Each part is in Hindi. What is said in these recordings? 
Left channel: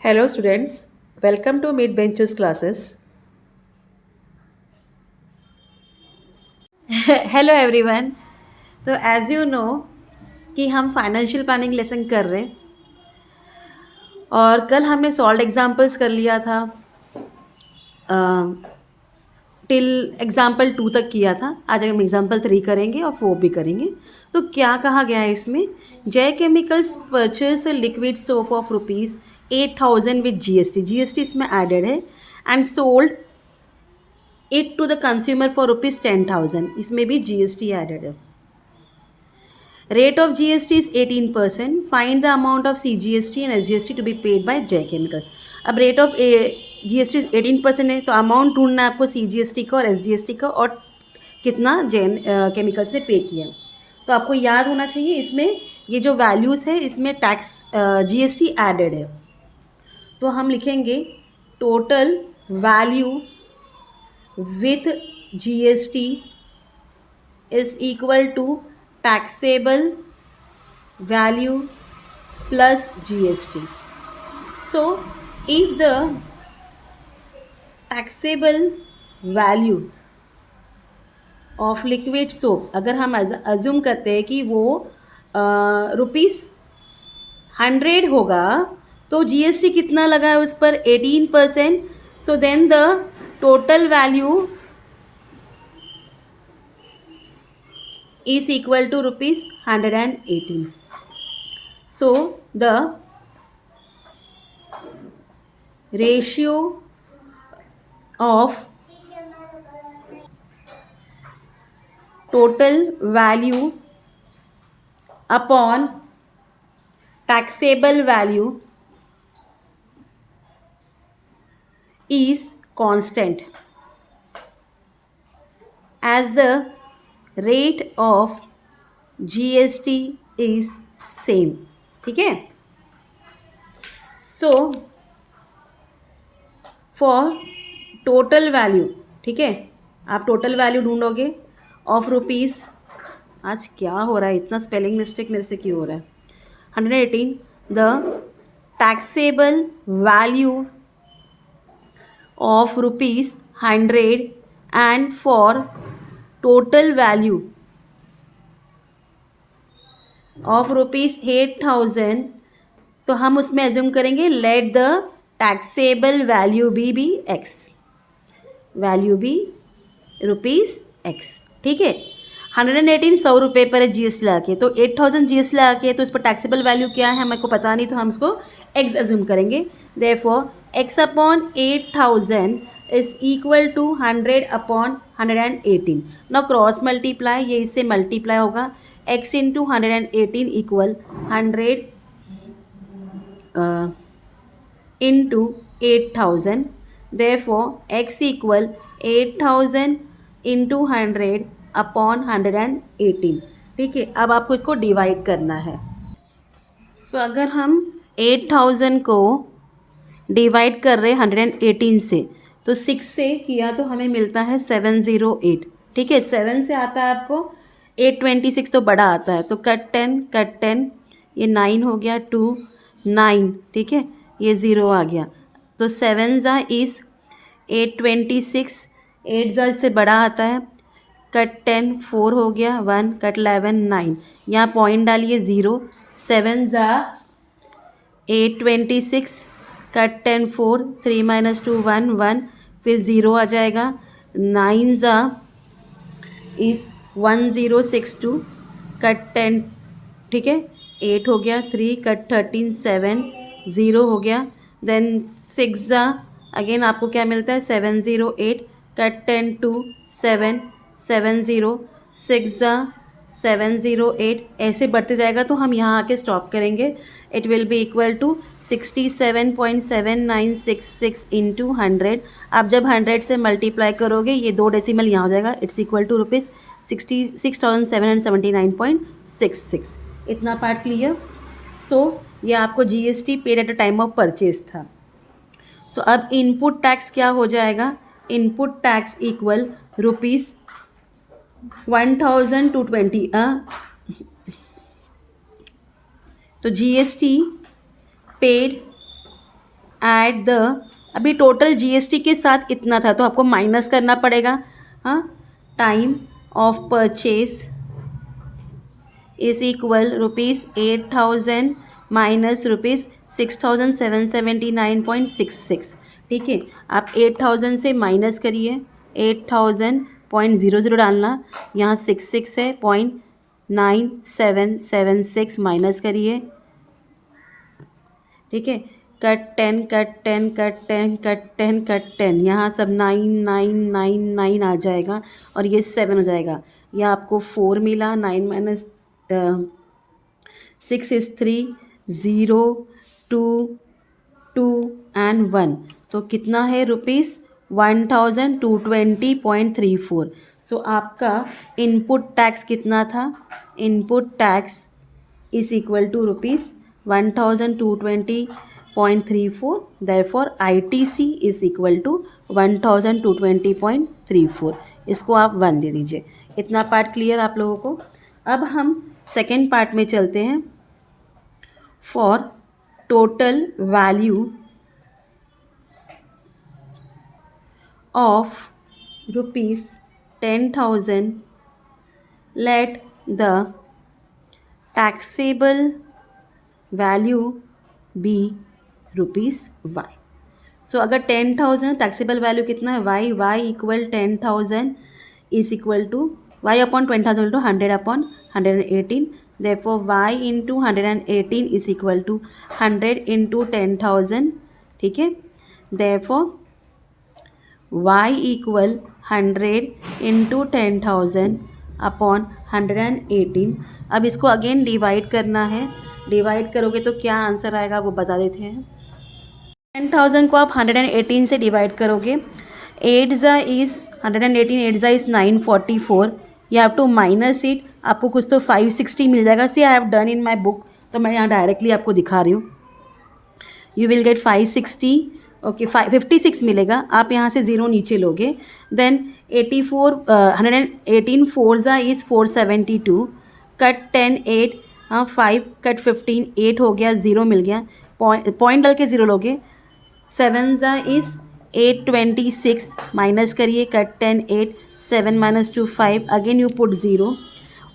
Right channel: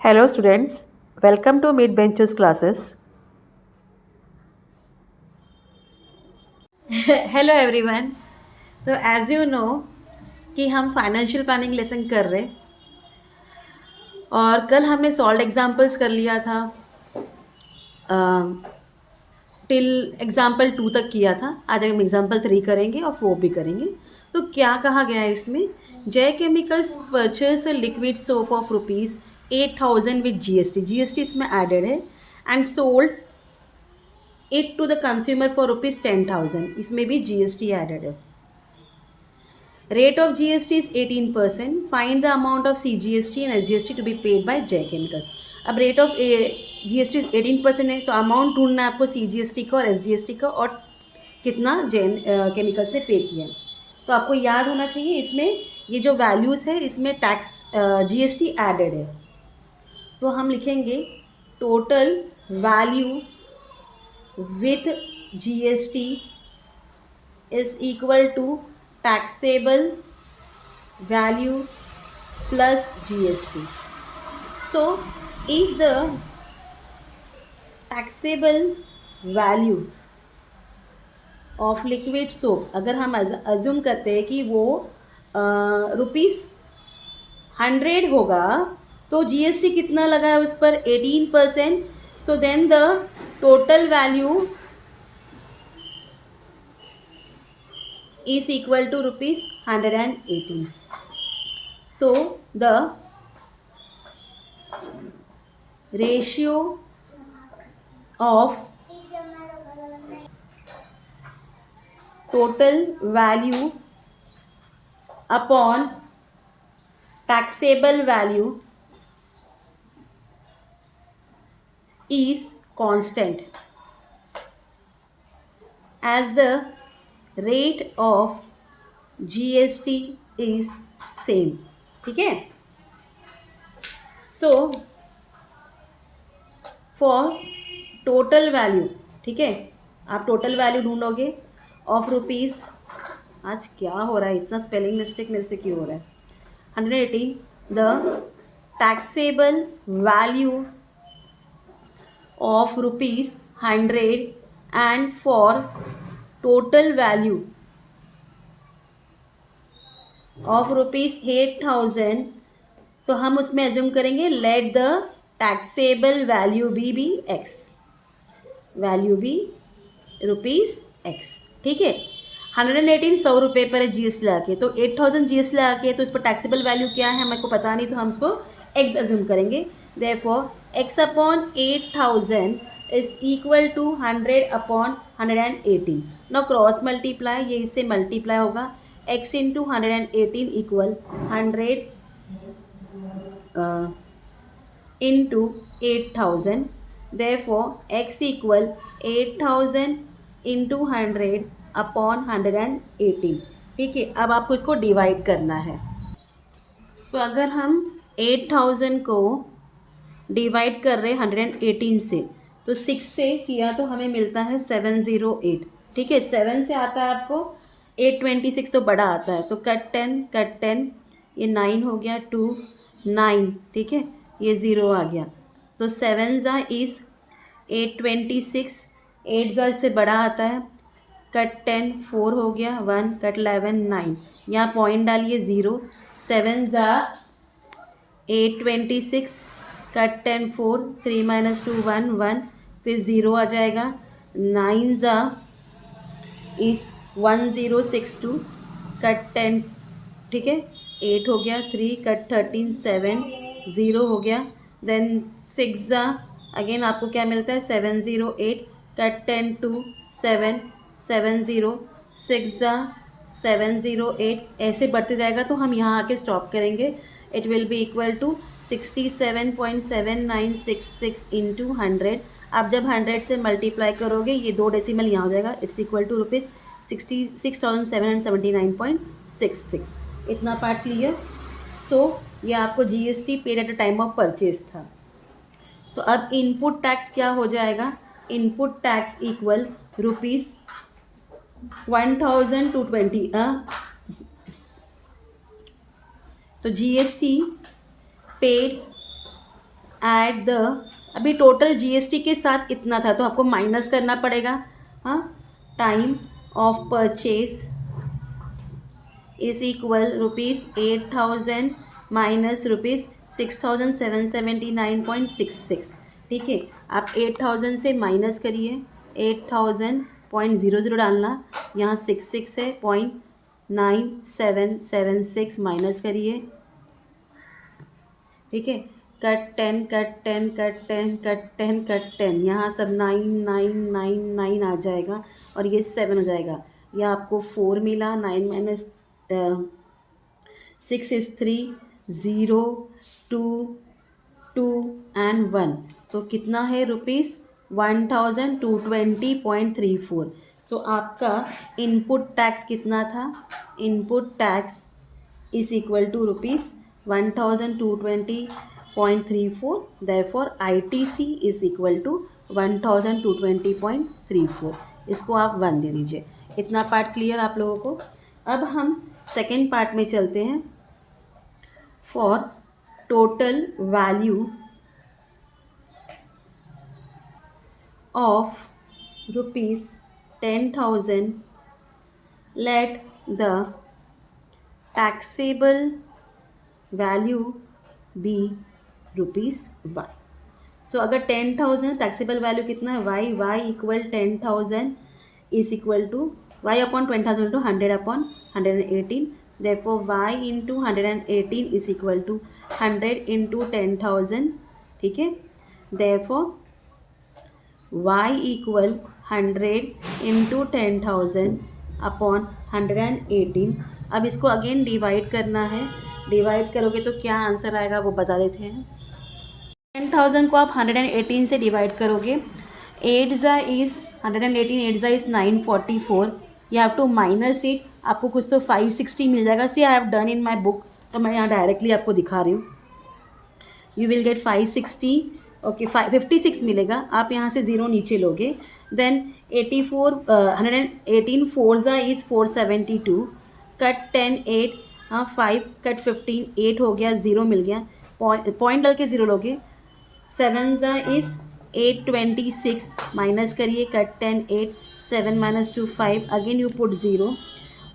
Hello students, welcome to Mid Benches classes. Hello everyone. तो एज यू नो कि हम फाइनेंशियल प्लानिंग लेसन कर रहे, और कल हमने सॉल्व एग्जांपल्स कर लिया था, टिल एग्जाम्पल 2 तक किया था। आज हम एग्जाम्पल 3 करेंगे और 4 भी करेंगे। तो क्या कहा गया है इसमें? Jai chemicals purchase liquid soap of ₹8,000 with GST इसमें एडेड है, and sold it to the consumer for ₹10,000, इसमें भी जीएसटी एडेड है। Rate of GST is 18%. Find the amount of CGST and SGST to be paid by J Chemicals. अब रेट ऑफ GST 18% है, तो अमाउंट ढूंढना है आपको CGST का और SGST का, और कितना जैन केमिकल से पे किया। तो आपको याद होना चाहिए, इसमें ये जो वैल्यूज़ है इसमें टैक्स GST एडेड है। तो हम लिखेंगे total value with GST is equal to taxable value plus GST. So if the taxable value of liquid soap, अगर हम अज्यूम करते हैं कि वो ₹100 होगा, तो GST कितना लगा है उस पर? 18%. So then the total value is equal to ₹118. So the ratio of total value upon taxable value is constant, as the rate of GST is same. ठीक है? सो फॉर टोटल वैल्यू, ठीक है, आप टोटल वैल्यू ढूंढोगे ऑफ रुपीज़, आज क्या हो रहा है, इतना स्पेलिंग मिस्टेक मेरे से क्यों हो रहा है? 118, the taxable value of ₹100, and for total value of ₹8,000, तो हम उसमें एज्यूम करेंगे let the taxable value be x, value be ₹x। ठीक है, 118 ₹100 पर है GST लगा के, तो 8,000 GST लगा के, तो इस पर टैक्सेबल वैल्यू क्या है हमें को पता नहीं, तो हम इसको x एज्यूम करेंगे। Therefore x upon 8,000 is equal to 100 upon 118। Now cross multiply, ये इससे मल्टीप्लाई होगा, x into 118 equal 100 into 8,000। Therefore x equal 8,000 into 100 upon 118। ठीक है, अब आपको इसको डिवाइड करना है। सो अगर हम 8,000 को डिवाइड कर रहे 118 से, तो 6 से किया तो हमें मिलता है 708। ठीक है, 7 से आता है आपको 826, तो बड़ा आता है, तो कट 10, ये 9 हो गया, 2 9, ठीक है, ये 0 आ गया, तो 7 ज़ा इज़ 826, 8 ज़ा इससे बड़ा आता है, कट 10 4 हो गया, 1 कट 11 9, यहाँ पॉइंट डालिए 0, 7 ज़ा 826, कट 10 4, 3 माइनस 2 1 1, फिर 0 आ जाएगा, 9 ज़ा इज़ 1062, कट 10, ठीक है, 8 हो गया, 3 कट 13 7, 0 हो गया, देन 6 ज़ा अगेन आपको क्या मिलता है 708, कट 10 2 7 7 0, 6 ज़ा 708, ऐसे बढ़ते जाएगा, तो हम यहाँ आके स्टॉप करेंगे। It will be equal to 67.7966 into 100। आप जब 100 से मल्टीप्लाई करोगे, ये 2 डेसिमल यहाँ हो जाएगा, इट्स इक्वल टू ₹66,779.66। इतना पार्ट क्लियर? सो ये आपको GST paid at a time of purchase था। सो अब इनपुट टैक्स क्या हो जाएगा? Input tax equal ₹1,220। तो GST पेड एट द, अभी टोटल जीएसटी के साथ इतना था तो आपको माइनस करना पड़ेगा। हाँ, time of purchase is equal ₹8,000 minus ₹6,779.66। ठीक है, आप 8,000 से माइनस करिए, 8,000.00 डालना, यहाँ 66 है, 0.9776 माइनस करिए। ठीक है, cut 10 cut 10 cut 10 cut 10 cut 10, यहाँ सब 9,999 आ जाएगा और ये 7 हो जाएगा। यह आपको 4 मिला, 9 माइनस 6 इज़ 3, 0 2 2 एंड 1, तो कितना है ₹1,220.34। सो आपका इनपुट टैक्स कितना था? Input tax is equal to ₹1,220.34, therefore ITC is equal to 1,220.34। इसको आप 1 दे दीजिए। इतना पार्ट क्लियर आप लोगों को? अब हम सेकेंड पार्ट में चलते हैं। For total value of ₹10,000 let the taxable value be ₹y। So अगर 10,000 टैक्सेबल वैल्यू कितना है y equal 10,000 is equal to y upon 10,000 to 100 upon 118, therefore y into 118 is equal to 100 into 10,000। ठीक है, therefore y equal 100 into 10,000 upon 118। अब इसको अगेन डिवाइड करना है, डिवाइड करोगे तो क्या आंसर आएगा वो बता देते हैं। 10,000 को आप 118 से डिवाइड करोगे, 8 ज़ा इज़ 118, 8 ज़ा is 944, you have to minus it, आपको कुछ तो 560 मिल जाएगा। See I have done in my book, तो मैं यहाँ डायरेक्टली आपको दिखा रही हूँ। यू विल गेट 560, ओके 56 मिलेगा। आप यहाँ से 0 नीचे लोगे, देन 118 4 ज़ा इज़ 472, कट 10 8, 5 कट 15 8 हो गया, 0 मिल गया, पॉइंट डाल के 0 लोगे। 7 ज़ा इज़ 826, माइनस करिए, cut 10 8, 7 minus 2 5, again you put 0।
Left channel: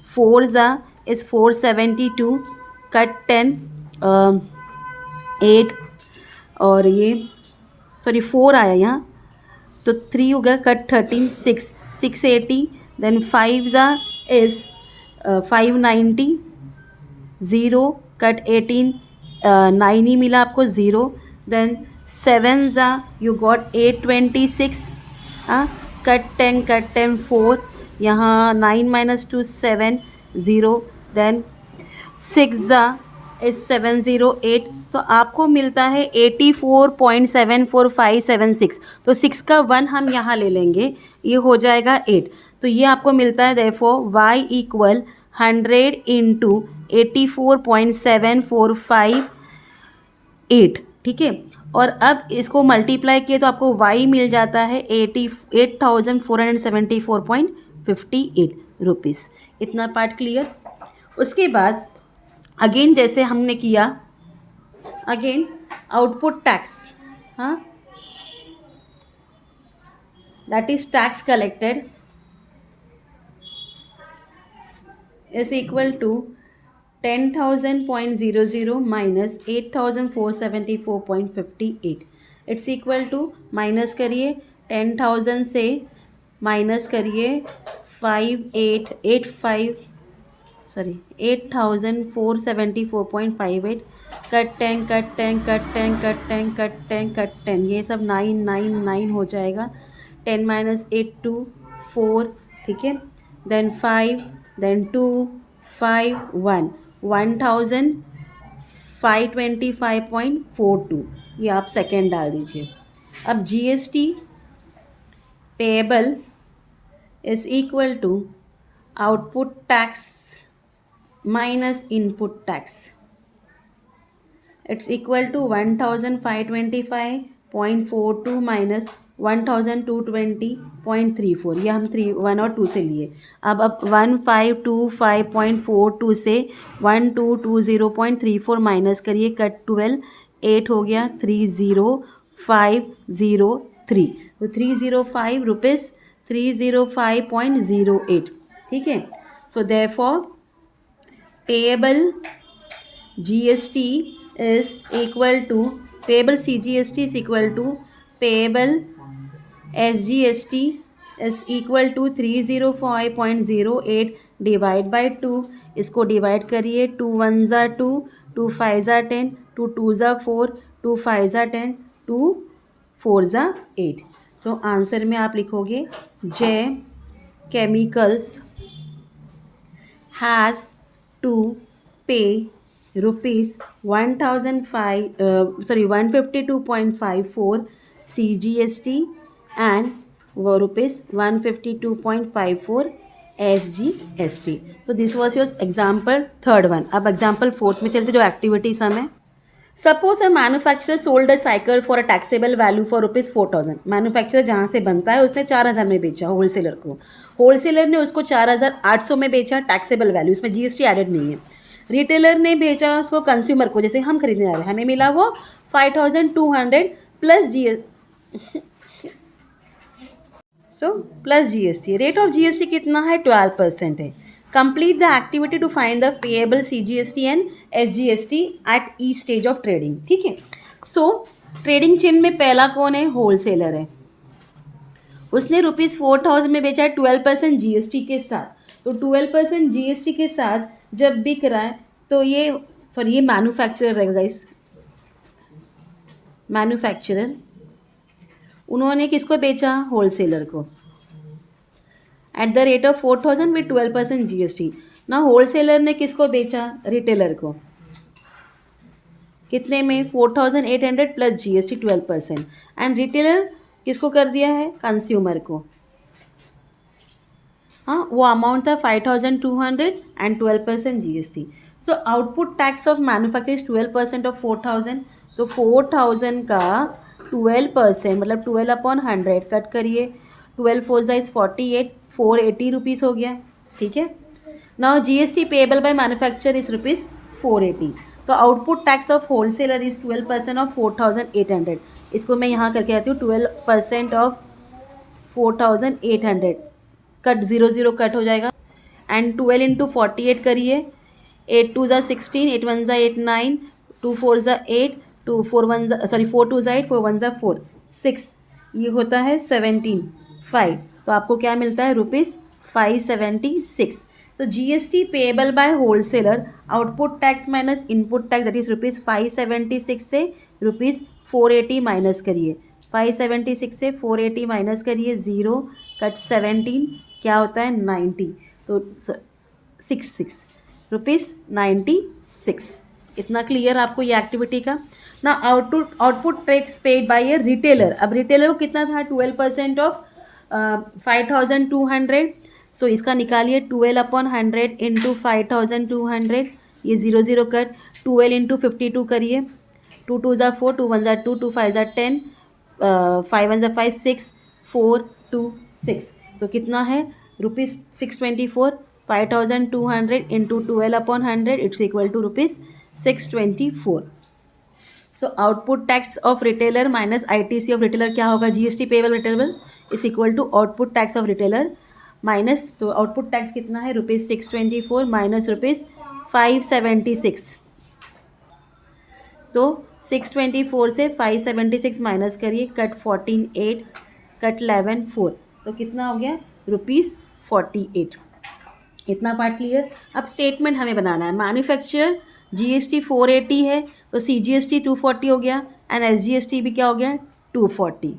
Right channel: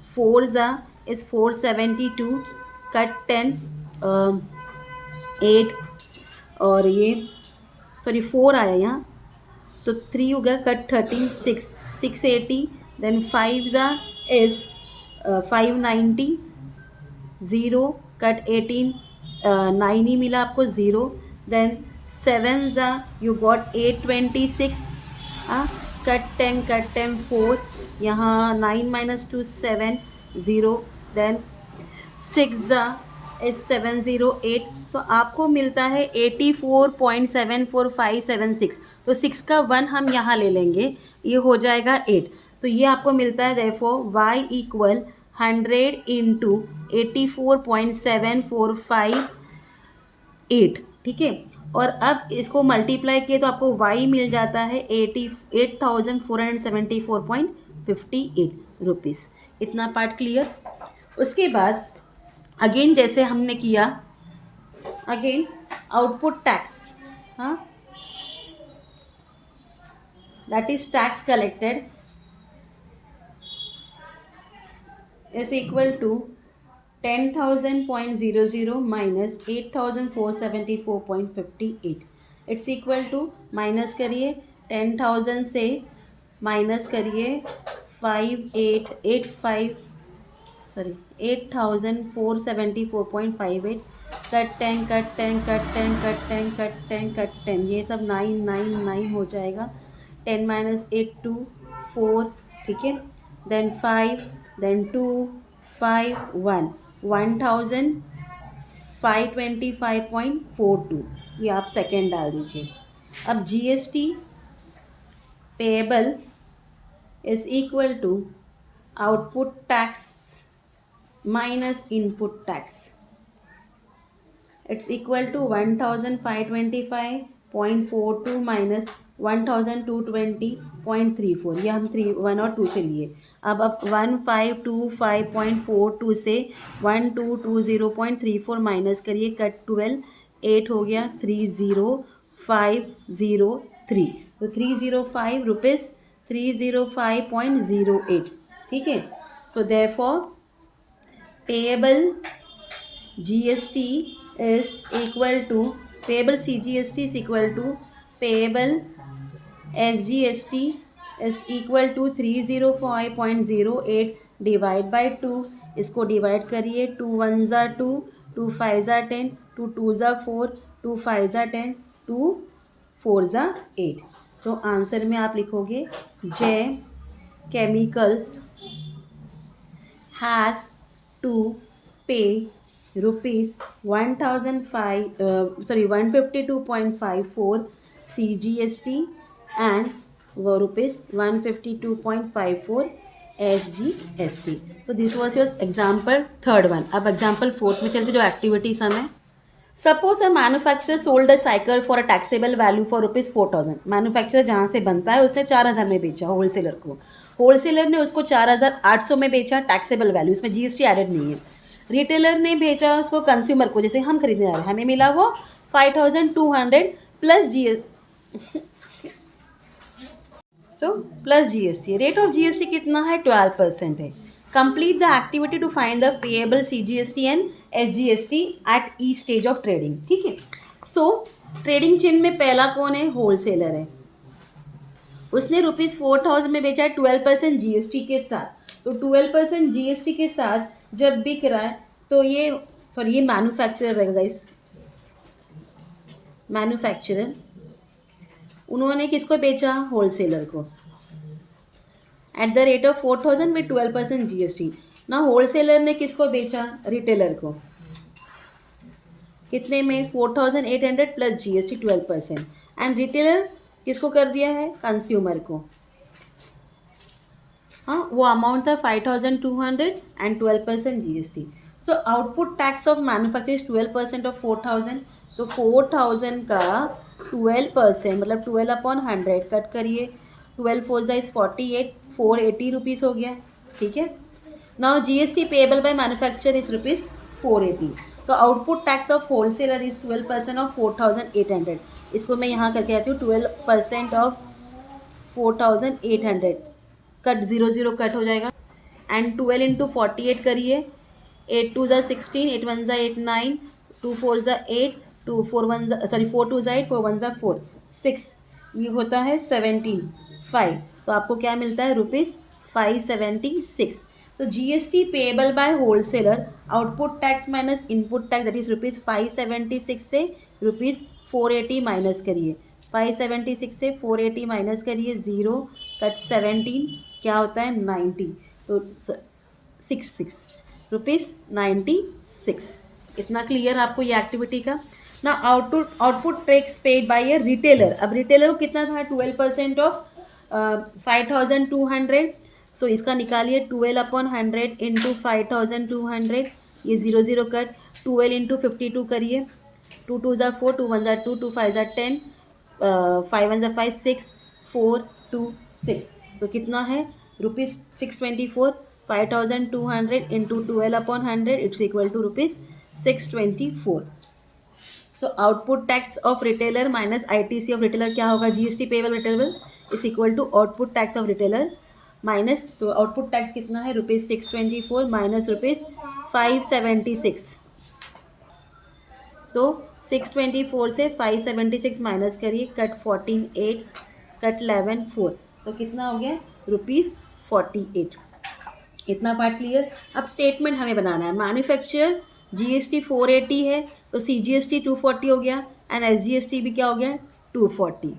4 ज़ा इज़ 472, कट 10 8, और ये सॉरी 4 आया यहाँ, तो 3 हो गया, कट 13 6, 680, देन 5 ज़ा इज़ 590, 0 कट 18 9 ही मिला आपको, 0, देन 7 ज़ा यू गॉट 826, कट 10 4, यहाँ 9 माइनस 2 7, 0, देन 6 ज़ा इज़ 708, तो आपको मिलता है 84.74576। तो 6 का 1 हम यहाँ ले लेंगे, ये हो जाएगा 8, तो ये आपको मिलता है देयरफॉर y इक्वल 100 इंटू 84.745। ठीक है, और अब इसको मल्टीप्लाई किए तो आपको y मिल जाता है 88,474.58 रुपीज़। इतना पार्ट क्लियर? उसके बाद अगेन जैसे हमने किया, अगेन आउटपुट टैक्स, हाँ, that is tax collected is equal to 10,000.00 minus 8,474.58। It's equal to, minus करिए 10,000 से, माइनस करिए 8,474.58, cut 10 cut 10 cut 10 cut 10 cut 10 cut 10, ये सब 999 हो जाएगा, 10 माइनस 8 2 4, ठीक है, देन 5, देन 2 5 1, 1,525.42, ये आप सेकेंड डाल दीजिए। अब GST payable is equal to output tax minus input tax, it's equal to 1,525.42 minus 1,220.34, ये हम 1 और 2 से लिए। अब 1,525.42 से 1,220.34 माइनस करिए, कट 12, 8 हो गया 30503, तो 305 रुपीज़ 305.08, ठीक है। So therefore payable GST is equal to payable CGST is equal to payable SGST is equal to 305.08 divide by 2, इसको डिवाइड करिए, 2 1 ज़ा 2, 2 5 ज़ा 10, 2 2 ज़ा 4, 2 5 ज़ा 10, 2 4 ज़ा 8। तो आंसर में आप लिखोगे जय केमिकल्स हैज़ टू पे rupees 152.54 CGST and rupees 152.54 SGST। तो this was your example third one. अब एग्जाम्पल फोर्थ में चलते, जो एक्टिविटीज हमें। Suppose a manufacturer sold a cycle for a taxable value for rupees 4000। Manufacturer जहाँ से बनता है उसने 4000 में बेचा होलसेलर को, होलसेलर ने उसको 4800 में बेचा, टैक्सेबल वैल्यू, इसमें जीएसटी एडेड नहीं है। रिटेलर ने बेचा उसको कंज्यूमर को, जैसे हम खरीदने जा रहे हैं, हमें मिला वो 5200 plus plus GST. Rate of GST कितना है? 12% है। Complete the activity to find the payable CGST and SGST at each stage of trading, ठीक है। सो ट्रेडिंग चेन में पहला कौन है? होलसेलर है। उसने रुपीज़ 4000 में बेचा है 12% जीएसटी के साथ। तो 12% जीएसटी के साथ जब बिक रहा है तो ये मैन्युफैक्चरर रहेगा गाइस। मैन्युफैक्चरर उन्होंने किसको बेचा? होलसेलर को, at the rate of 4000 with 12% GST. ना होलसेलर ने किसको बेचा? रिटेलर को। कितने में? 4800 प्लस जीएसटी 12%। एंड रिटेलर किसको कर दिया है? कंज्यूमर को। हाँ, वो अमाउंट था 5200 and 12% GST. So output tax of manufacture is 12% of 4000। तो 4000 का 12% मतलब 12/100 कट करिए, 12 4 इज 48, 480 रुपीज़ हो गया, ठीक है। Now GST payable by manufacture is rupees 480। तो output tax of wholesaler is 12% of 4800। इसको मैं यहाँ करके आती हूँ, 12% ऑफ 4800 कट 0 कट हो जाएगा, एंड 12 इंटू 48 करिए, 8 2 ज़ा 16, 8 1 ज़ा 8 9, 2 4 ज़ा 8, 2 4 1 ज़ा 4 2 ज़ा 8, 4 1 ज़ा 4 6, ये होता है 17 5। तो आपको क्या मिलता है? रुपीज़ 576। तो GST payable by wholesaler, output tax minus input tax, that is rupees 576 से रुपीज़ 480 माइनस करिए, 576 से 480 माइनस करिए, 0 कट 17 क्या होता है? 90। तो 66 रुपीज़ 96। इतना क्लियर आपको ये एक्टिविटी का ना। Output tax paid by A retailer. अब रिटेलर को कितना था? 12% ऑफ 5200। सो इसका निकालिए, 12/100 इंटू 5200, ये 0 कट, 12 इंटू 52 करिए, 2 2 ज़ा 4, 2 1 ज़ा 2, 2 5 ज़ा 10, 5 1 ज़ा 5 6, 4 2 6। तो कितना है? Rupees 624। 5200 into 12/100 it's equal to rupees 624। So output tax of retailer minus ITC of retailer क्या होगा? GST payable retailer is equal to output tax of retailer minus, तो आउटपुट टैक्स कितना है? Rupees 624 minus rupees 576। तो 624 से 576 माइनस करिए, कट 14 8, कट 11 4, तो कितना हो गया? रुपीज़ 48। इतना पार्ट क्लियर। अब स्टेटमेंट हमें बनाना है। मैन्युफैक्चर जीएसटी 480 है, तो सीजीएसटी 240 हो गया, एंड एसजीएसटी भी क्या हो गया? 240।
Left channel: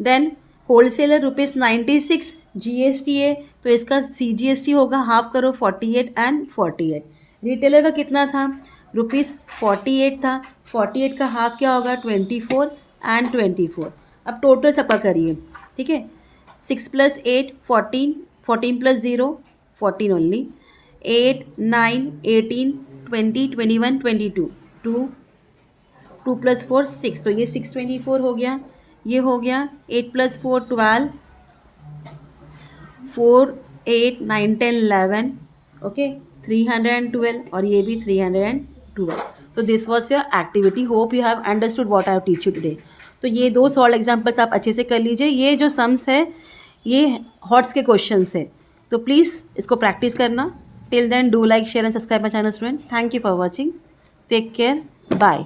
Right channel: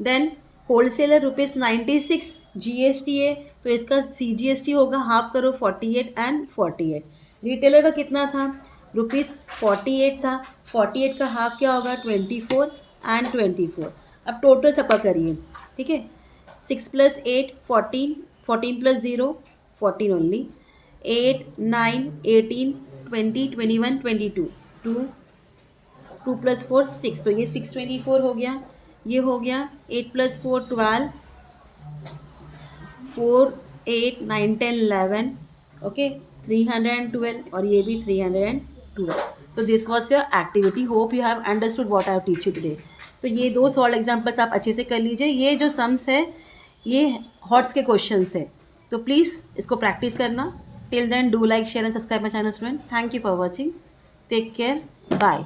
देन होलसेलर रुपीज़ 96 जीएसटी है, तो इसका सीजीएसटी होगा हाफ करो, 48 एंड 48। रिटेलर का कितना था? रुपीज़ 48 था, 48 का हाफ क्या होगा? 24 एंड 24। अब टोटल सबका करिए, ठीक है। 6 + 8 14, 14 + 0 14 ओनली, 8 9 18 20 21 22, 2 2 + 4 6, तो ये 624 हो गया। ये हो गया 8 + 4 12, 4 8 9 10 11, ओके 312, और ये भी 312। तो this was your activity. Hope you have understood what I teach you today. तो ये 2 सॉल्व एग्जाम्पल्स आप अच्छे से कर लीजिए. ये जो सम्स है ये हॉट्स के क्वेश्चंस है, तो प्लीज़ इसको प्रैक्टिस करना. Till then do like share and subscribe my channel student. Thank you for watching. Take care. Bye.